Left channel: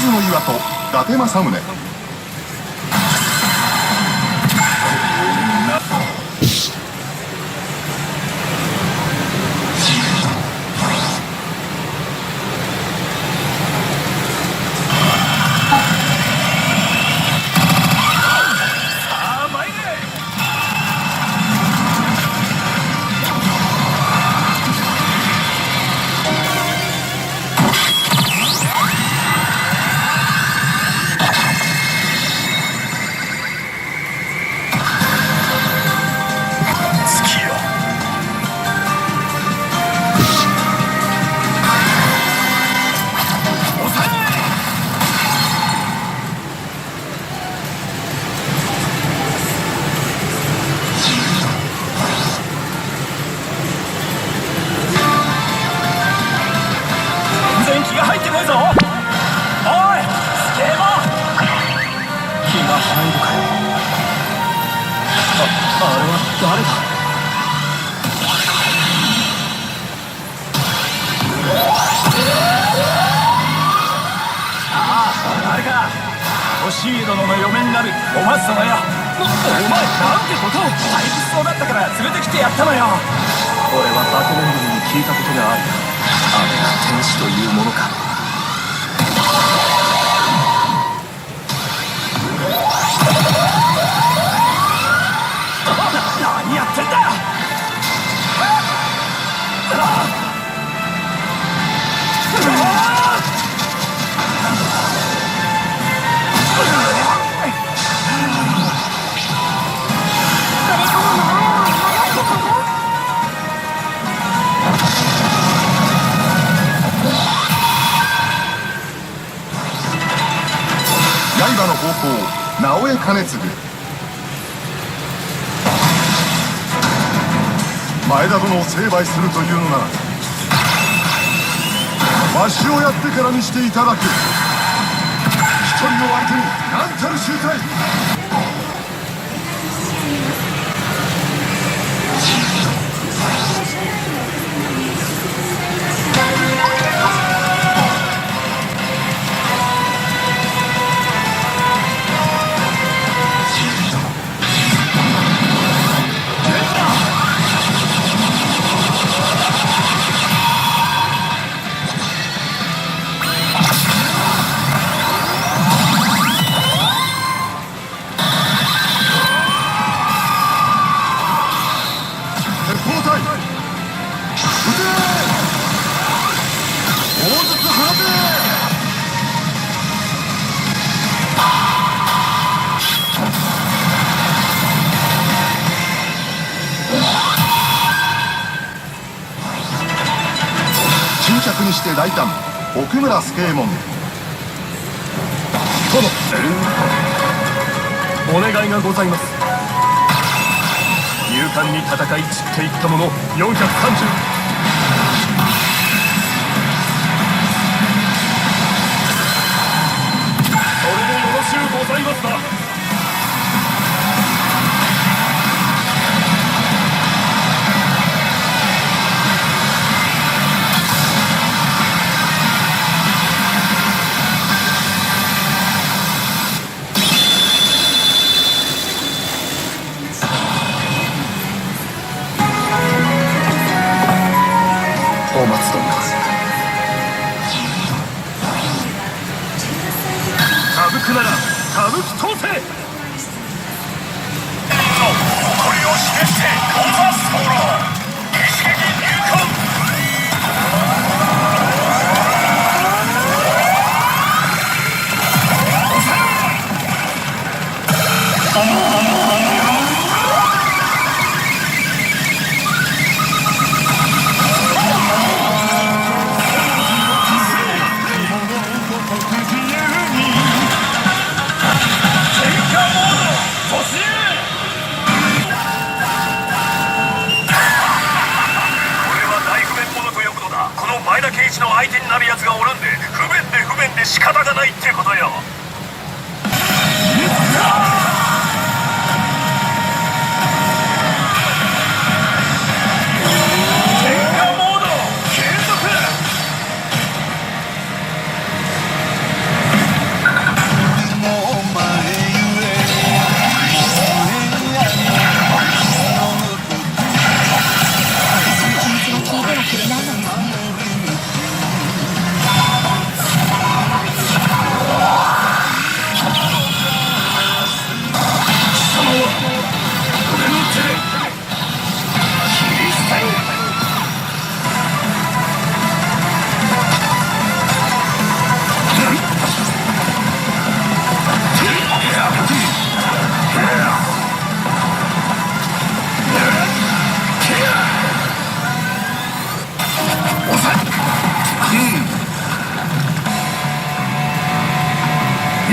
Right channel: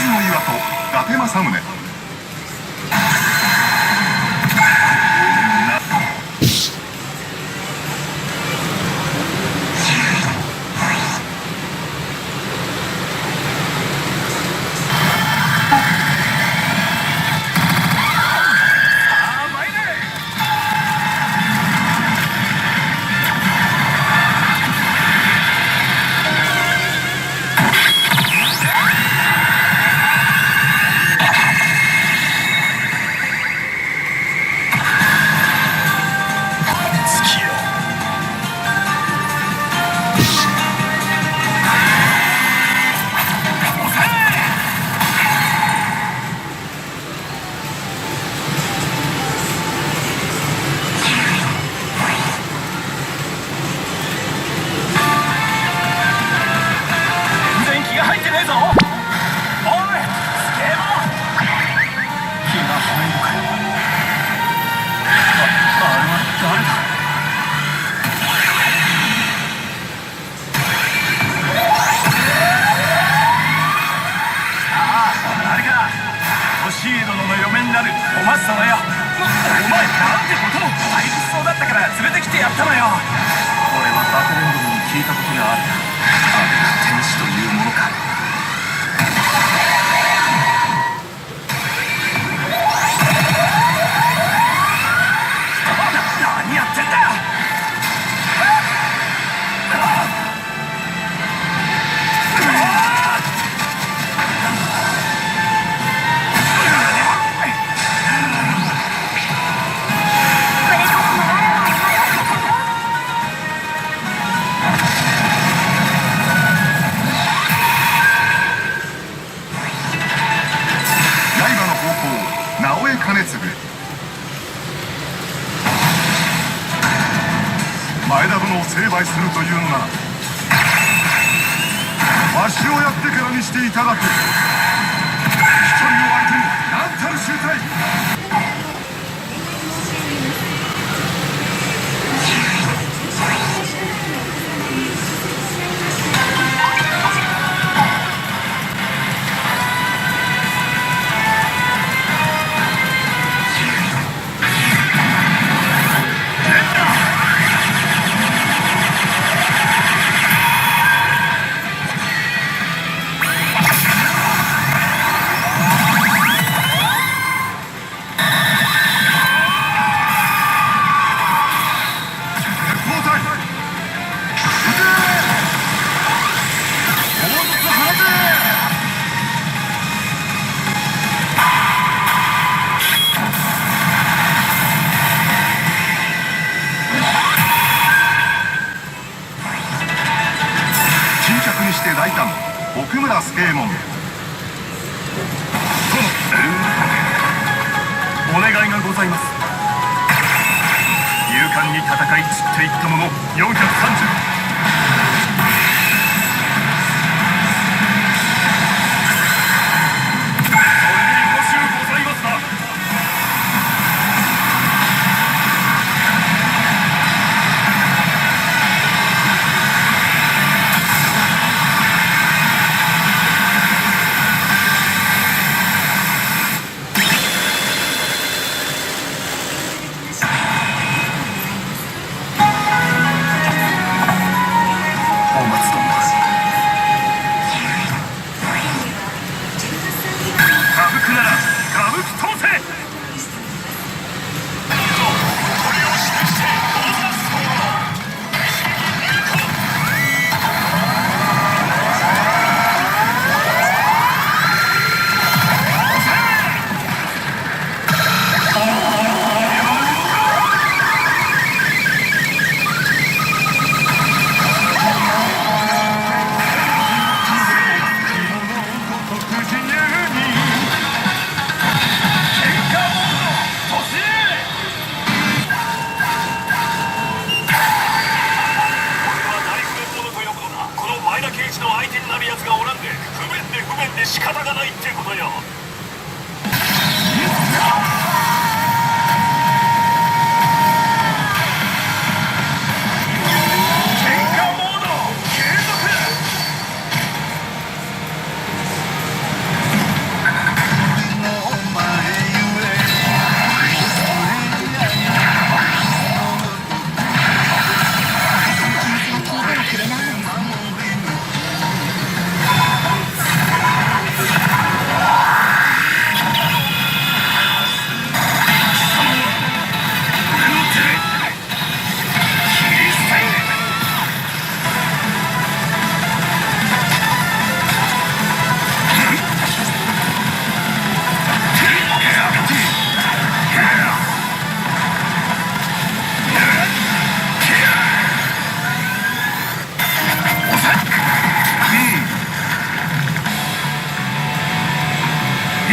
ずの岩と伊達政宗。シー殿の嫁になるお松様よ。お前なんてことを。退屈そうだったから連れてきてやったのよ。俺はバテレンドルに聞いたことがある。あれが天使というものか。何やってんだ。直江兼続。前田殿を成敗するというのならわしをやってからにしていただく。一人の相手に何たる醜態。にして大胆奥村助右衛門。殿、お願いがございます。勇敢に戦い散っていった者430。仕方がないってことよ。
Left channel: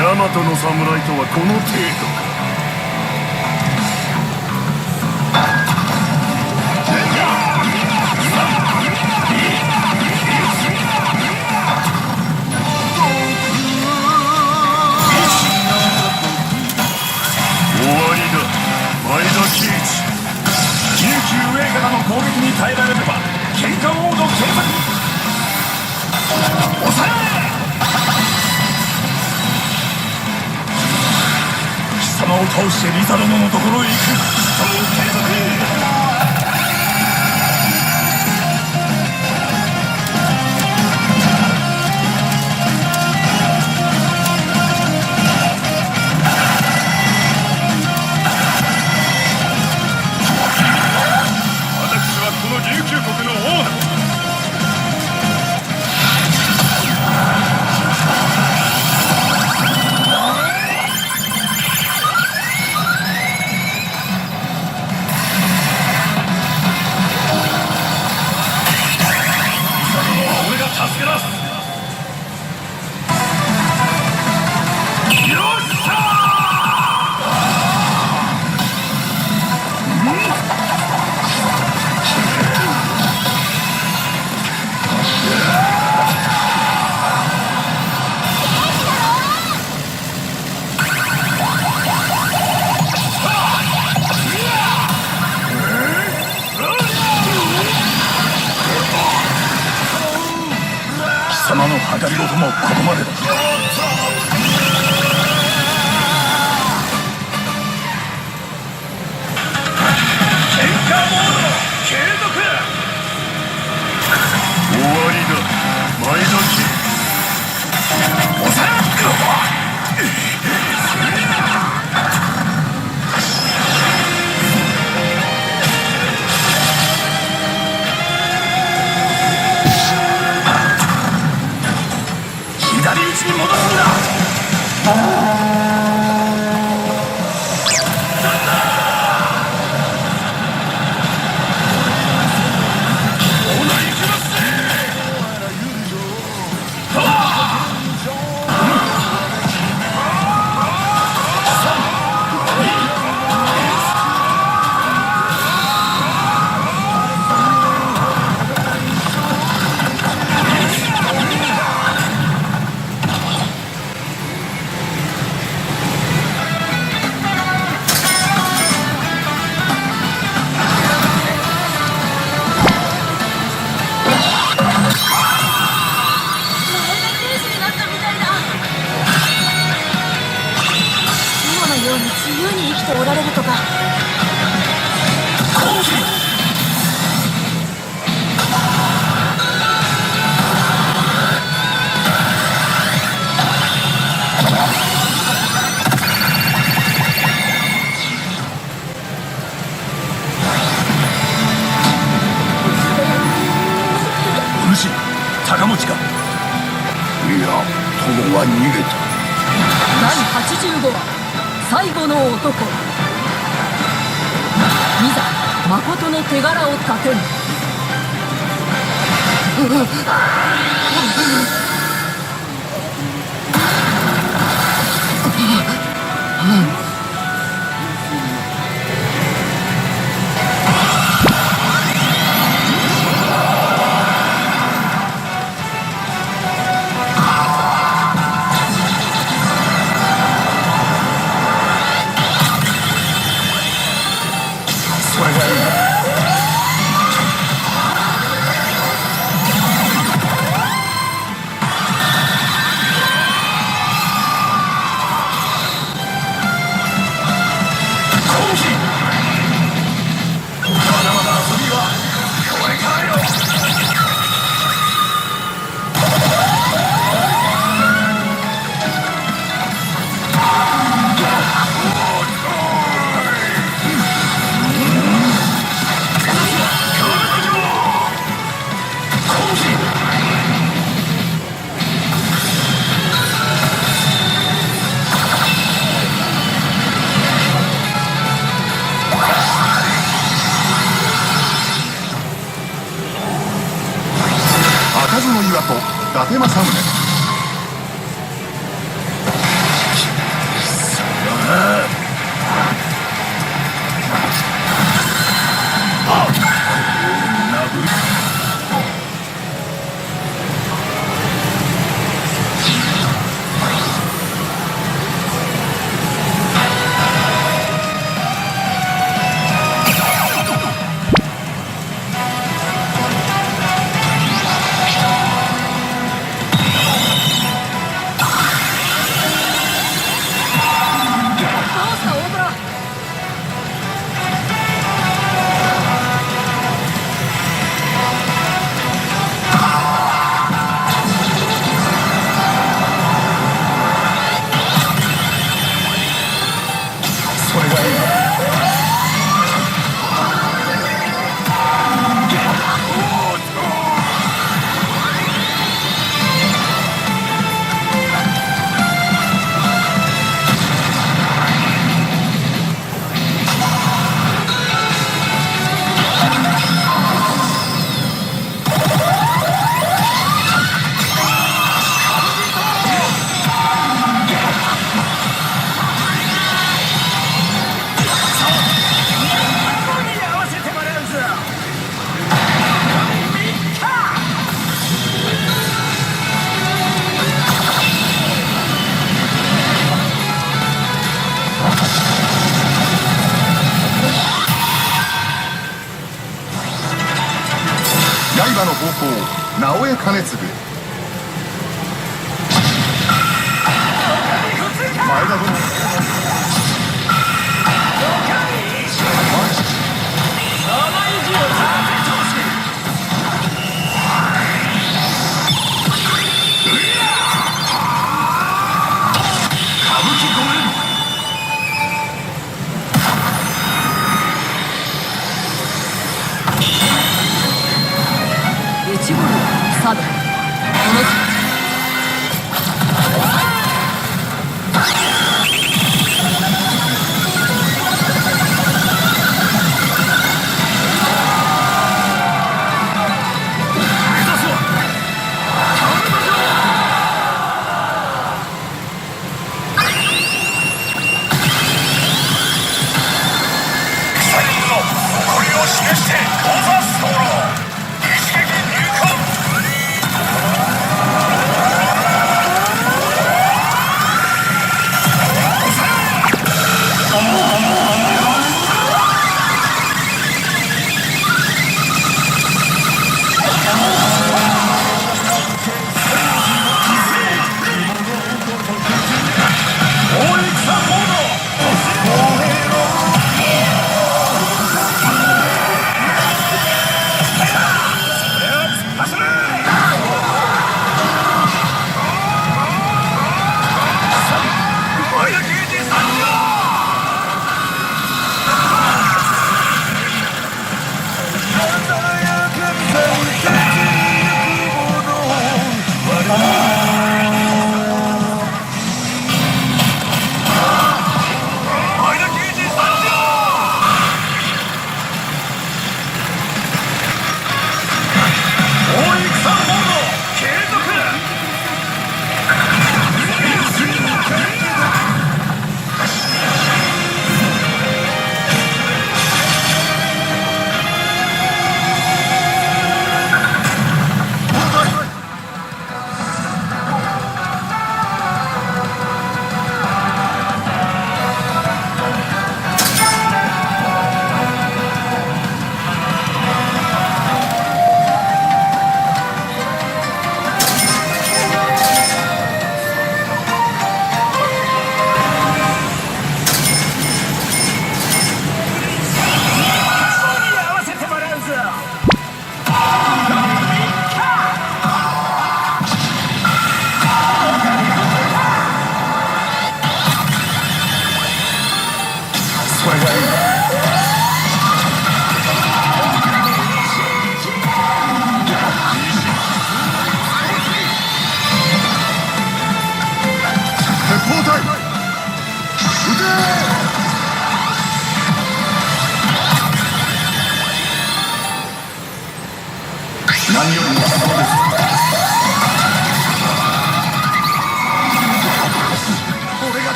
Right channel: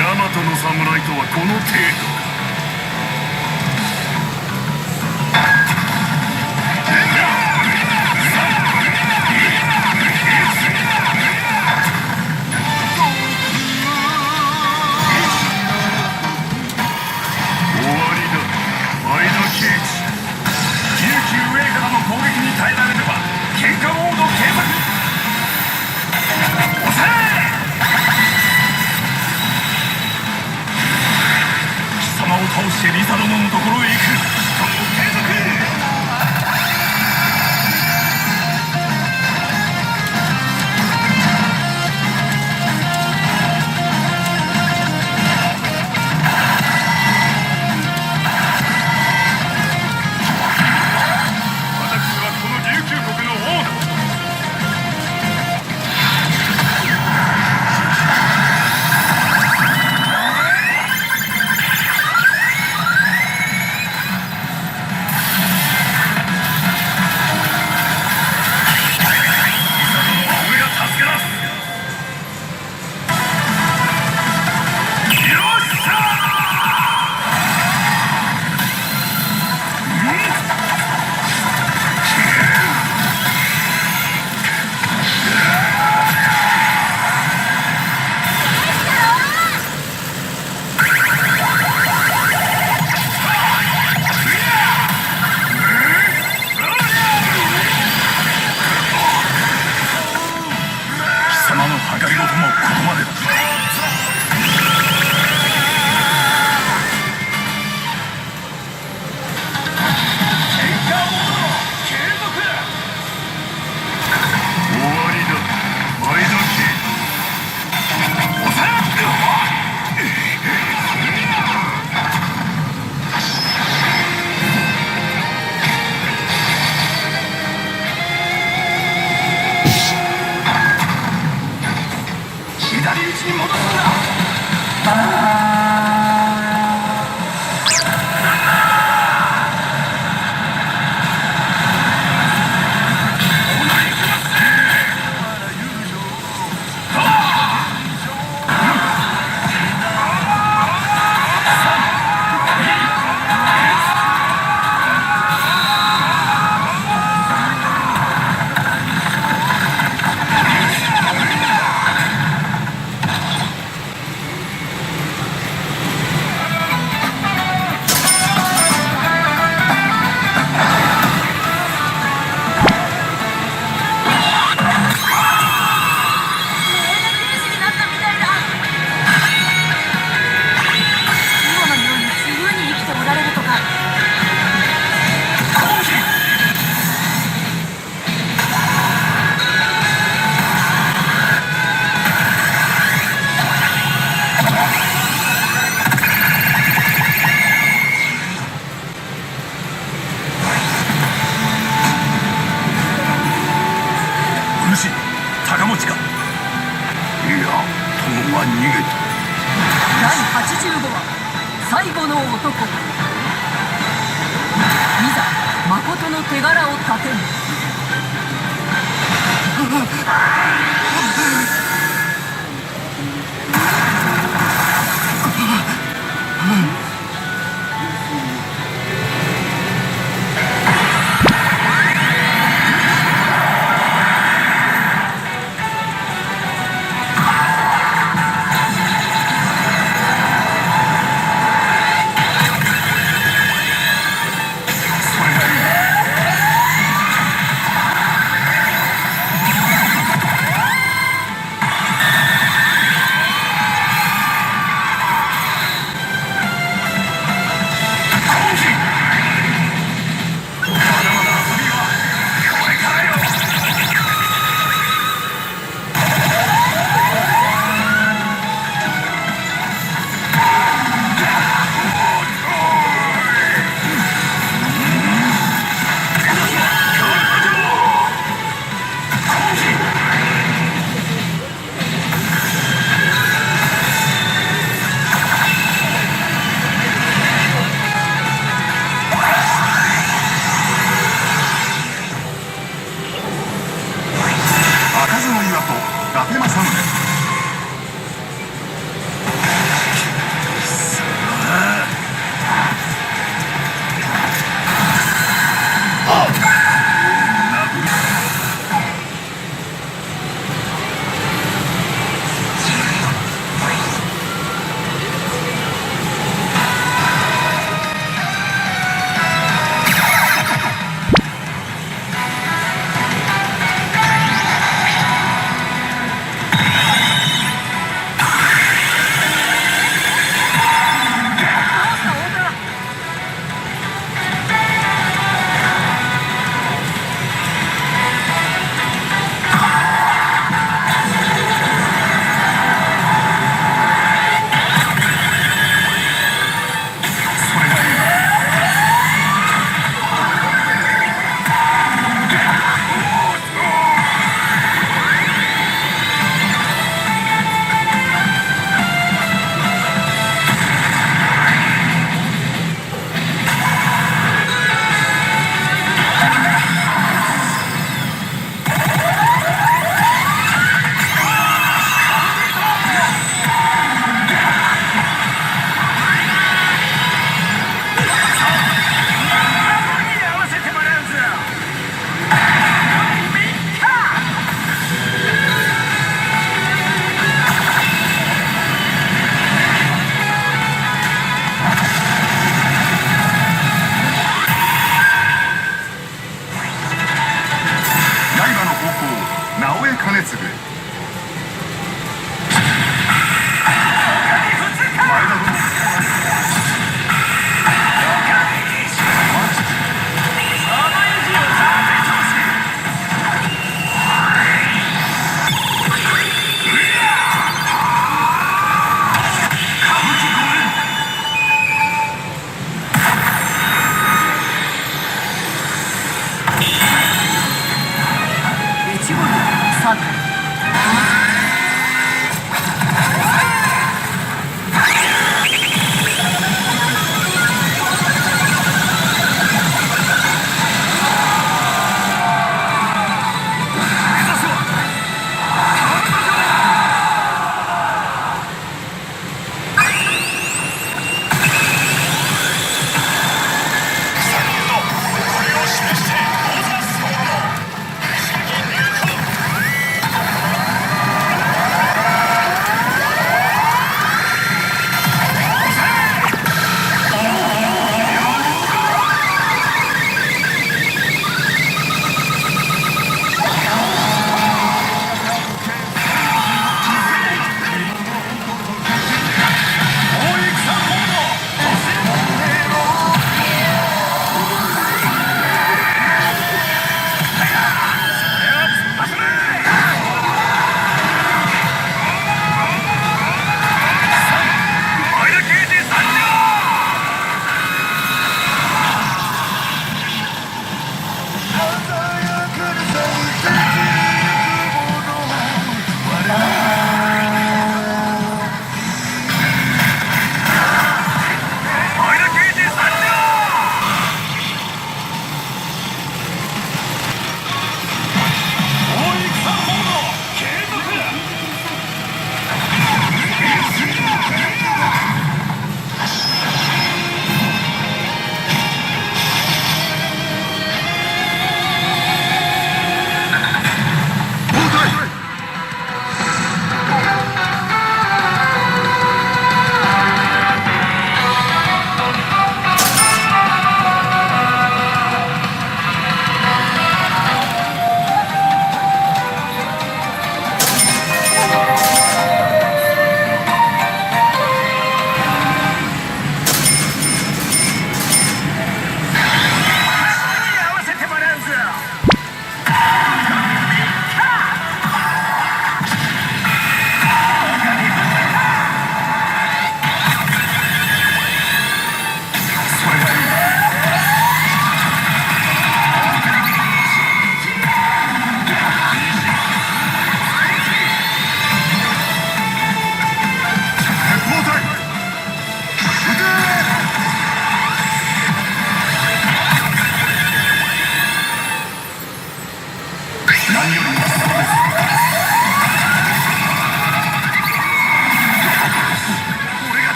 ヤマトの侍とはこの程度か。終わりだ、前田圭一。琉球上からの攻撃に耐えられれば喧嘩モード継続。抑え、貴様を倒してリザ殿のところへ行く。それを継続。貴様の計りごともここまでだ。終わりだ、前田圭一。左打ちに戻すんだ。おられるとか。お主、高持か。いや、友は逃げた。第85話最後の男。いざ誠の手柄を立てる。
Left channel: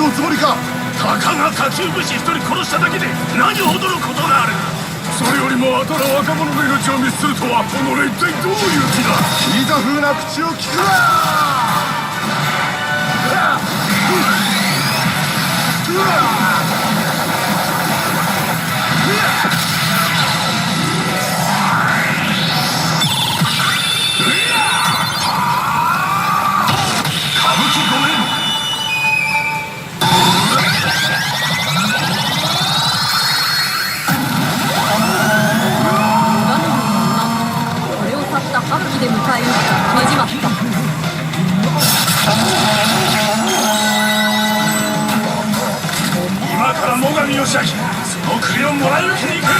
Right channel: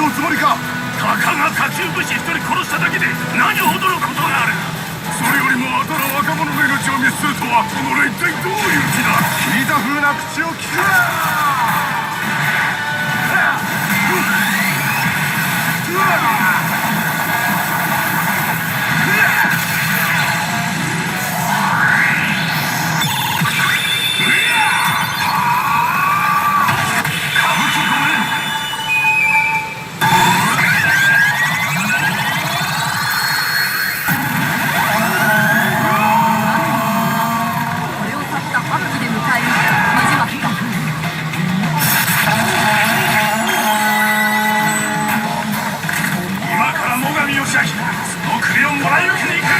すおつもりか。たかが下級武士一人殺しただけで何ほどのことがある。それよりもあたら若者の命を見捨てるとは、己一体どういう気だ。聞いた風な口を聞くな。これをたった春日で迎えるねじまった。今から最上義明、その首をもらい受けに行く。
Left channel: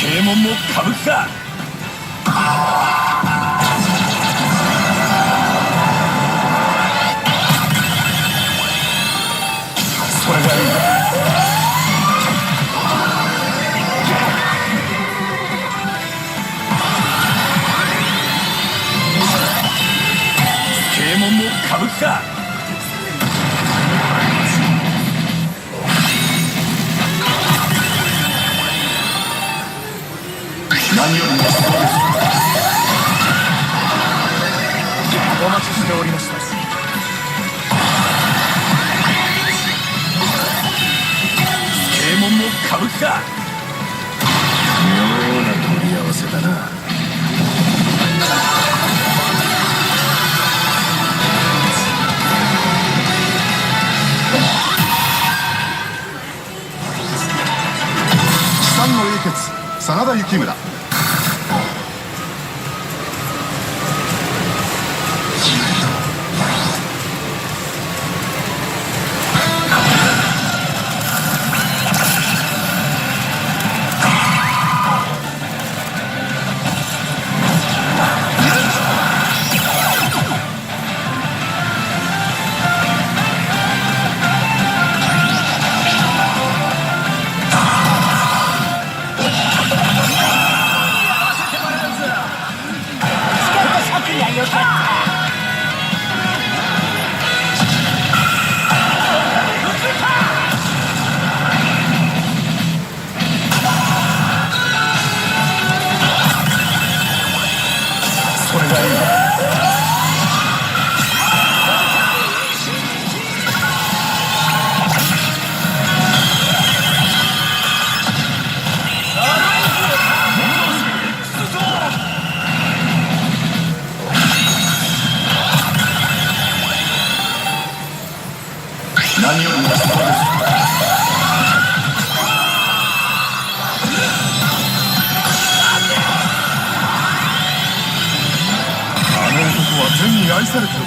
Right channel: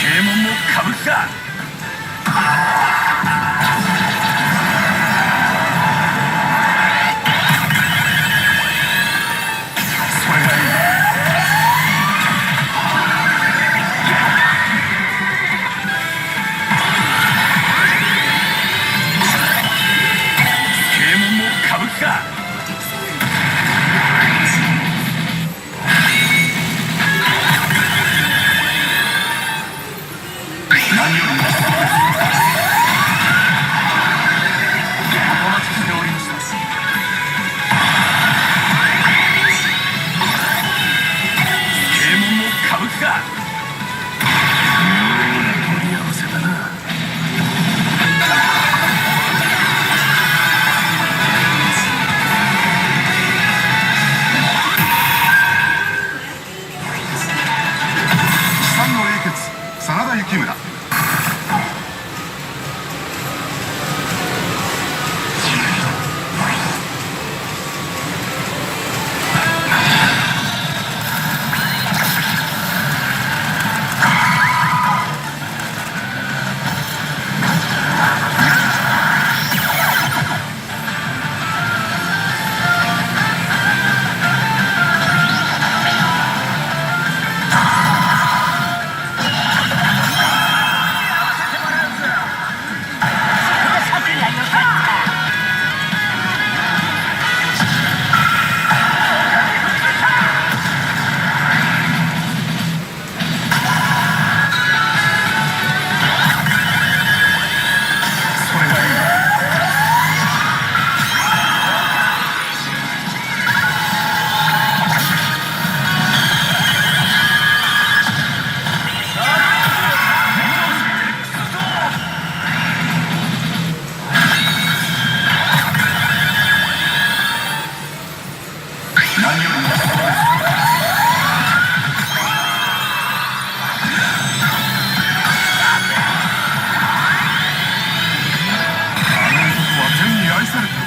正門も歌舞伎か。それがいい。正門も歌舞伎か。何よりもそうです。お待ちしておりました。正門も歌舞伎か。妙な取り合わせだな。資産の英傑真田幸村。何よりもそうです。あの男は天に愛されている。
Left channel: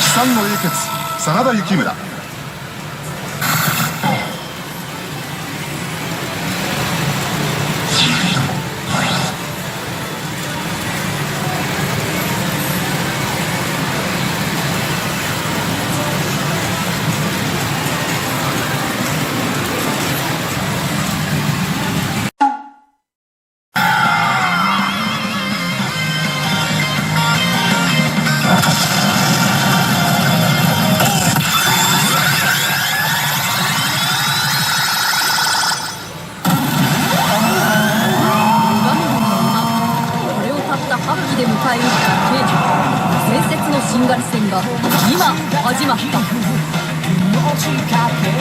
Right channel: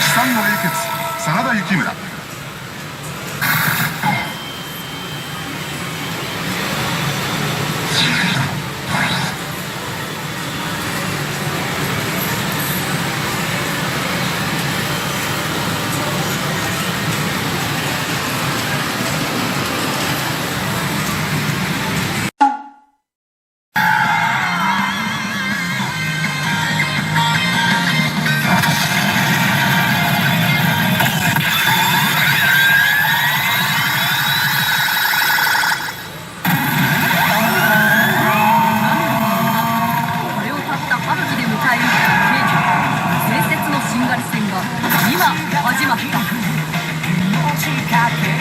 資産の英傑真田幸村。仕掛け